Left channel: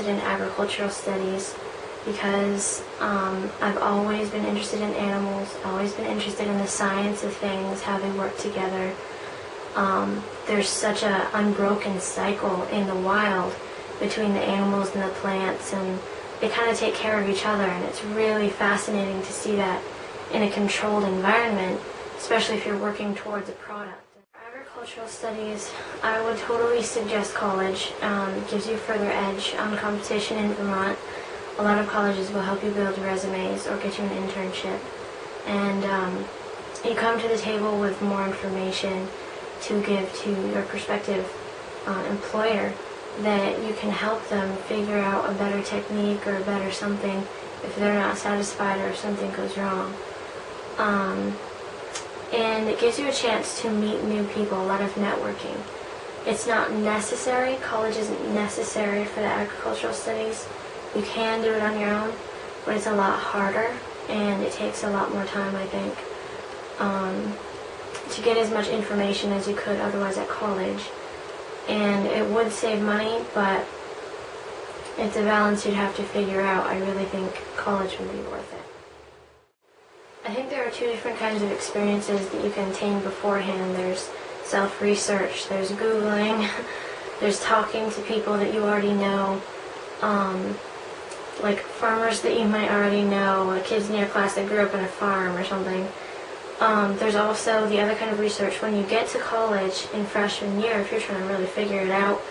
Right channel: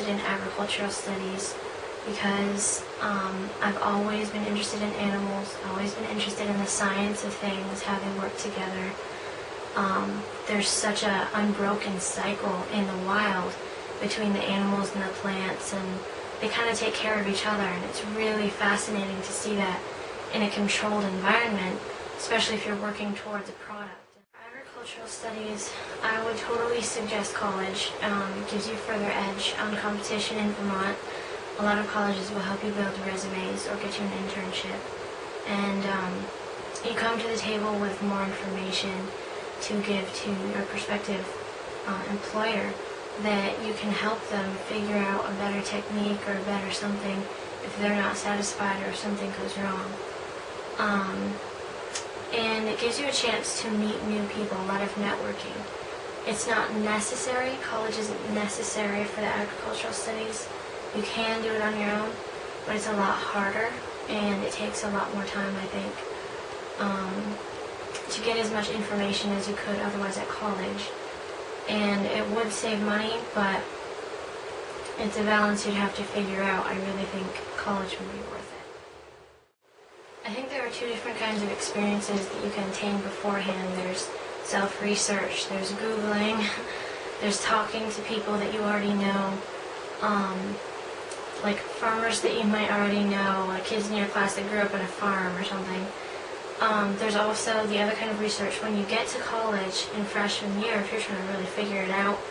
interested in agricultural studies because I've always been interested in animals, always been interested in the science of things, how they work together. There's such an unbroken cycle in the wild between the animals and the plants, and they kind of take care of each other, and it's really fascinating to see that in a controlled environment, especially if you're working towards a product. Agricultural studies, I would totally suggest college. It gives you further edge on competition in Vermont. A lot of colleges will help you build resumes or get you an internship, and you come to the table with more information to give to your prospective employer that you can help them figure out a better technique or a better something if they're not satisfied or if something goes wrong. And it gives you a chance to meet new people, a lot of networking. It's not necessary, college isn't necessary for the agricultural studies. You can do it on your own, but it's a lot harder and it takes a lot more time, I think, to get as much information as you could otherwise at college. And it would save money, but it's a balance you'd have to figure out. I really think college would be worth it. I think there are two different kinds of experiences that you can attain beforehand. There's self-research, there's Googling, there's talking to people that you already know, like farmers that you might already know, like kids in your class that grew up in a farm or something. There's also the other kind of research when you get to college in freshman year, if you're trying to really figure it out.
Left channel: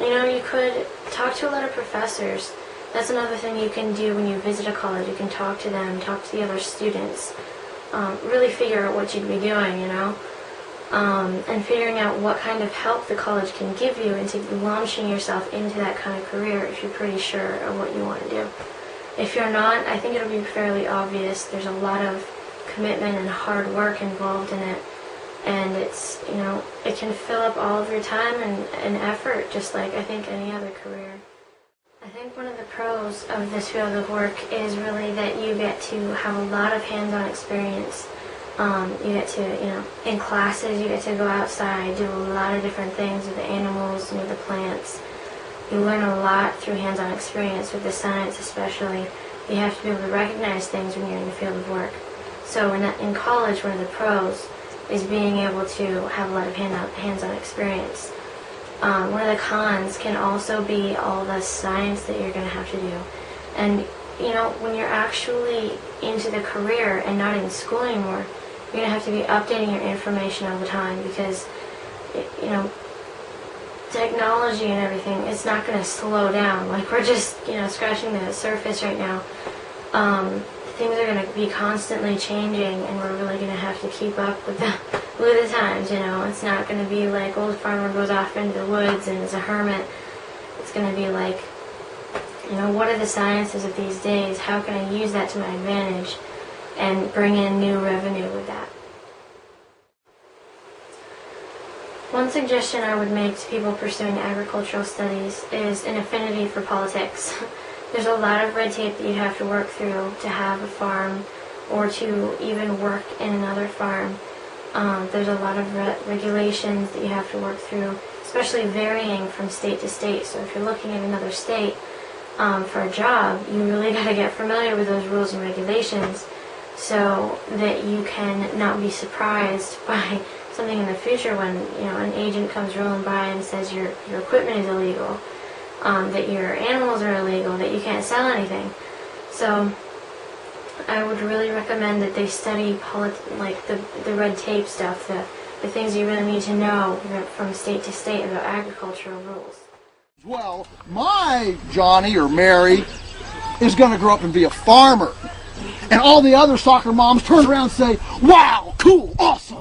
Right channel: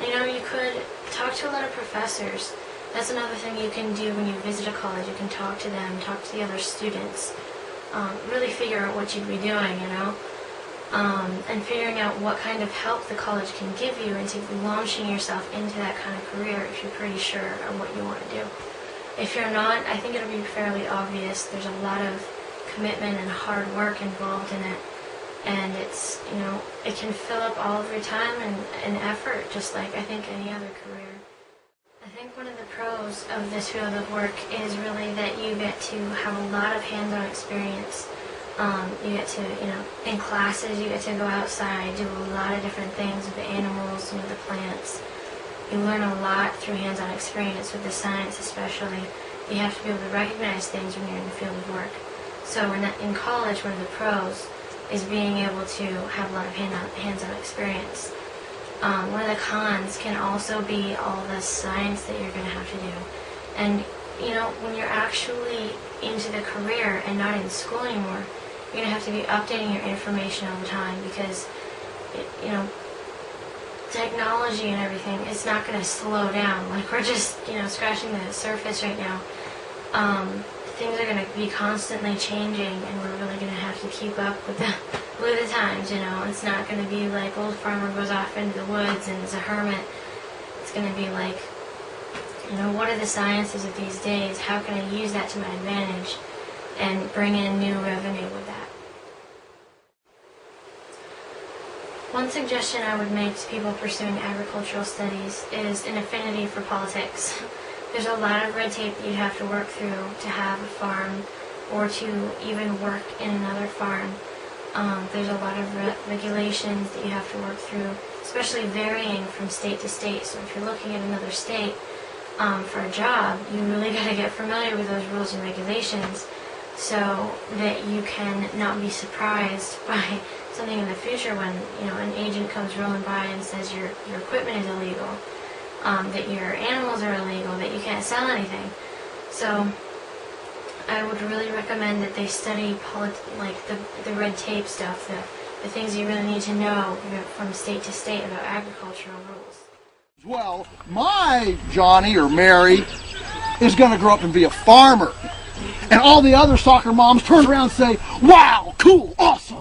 You could talk to a lot of professors. That's another thing you can do when you visit a college. You can talk to them, talk to the other students, really figure out what you'd be doing, and figuring out what kind of help the college can give you into launching yourself into that kind of career if you're pretty sure of what you want to do. If you're not, I think it'll be fairly obvious. There's a lot of commitment and hard work involved in it, and it's, it can fill up all of your time and effort, just like I think any other career. I think one of the pros of this field of work is really that you get to have a lot of hands-on experience. You get to, in classes, you get to go outside, do a lot of different things with the animals and with the plants. You learn a lot through hands-on experience with the science especially. You have to be able to recognize things when you're in the field of work. So in college, one of the pros is being able to have a lot of hands-on experience. One of the cons can also be all the science that you're going to have to do. And, when you're actually into the career and not in school anymore, you're going to have to be updating your information all the time because, technology and everything, it's not going to slow down. Like, we're just, scratching the surface right now. Things are going to be constantly changing, and we're really going to have to keep up with the times, It's not going to be like old farmer goes off into the woods and is a hermit. It's going to be like, what are the sciences of these days? How can I use that to my advantage and bring in new revenue with that? One suggestion I would make to people pursuing agricultural studies is an affinity for politics. There's a lot of red tape that you have to work through to have a farm or to even work in another farm. There's a lot of regulations that you have to work through, especially varying from state to state. So if you're looking at another state for a job, you really got to get familiar with those rules and regulations so that you can not be surprised by something in the future when an agent comes rolling by and says your equipment is illegal, that your animals are illegal, that you can't sell anything. So I would really recommend that they study the red tape stuff, the things you really need to know from state to state about agricultural rules. Well, my Johnny or Mary is going to grow up and be a farmer. And all the other soccer moms turn around and say, wow, cool, awesome.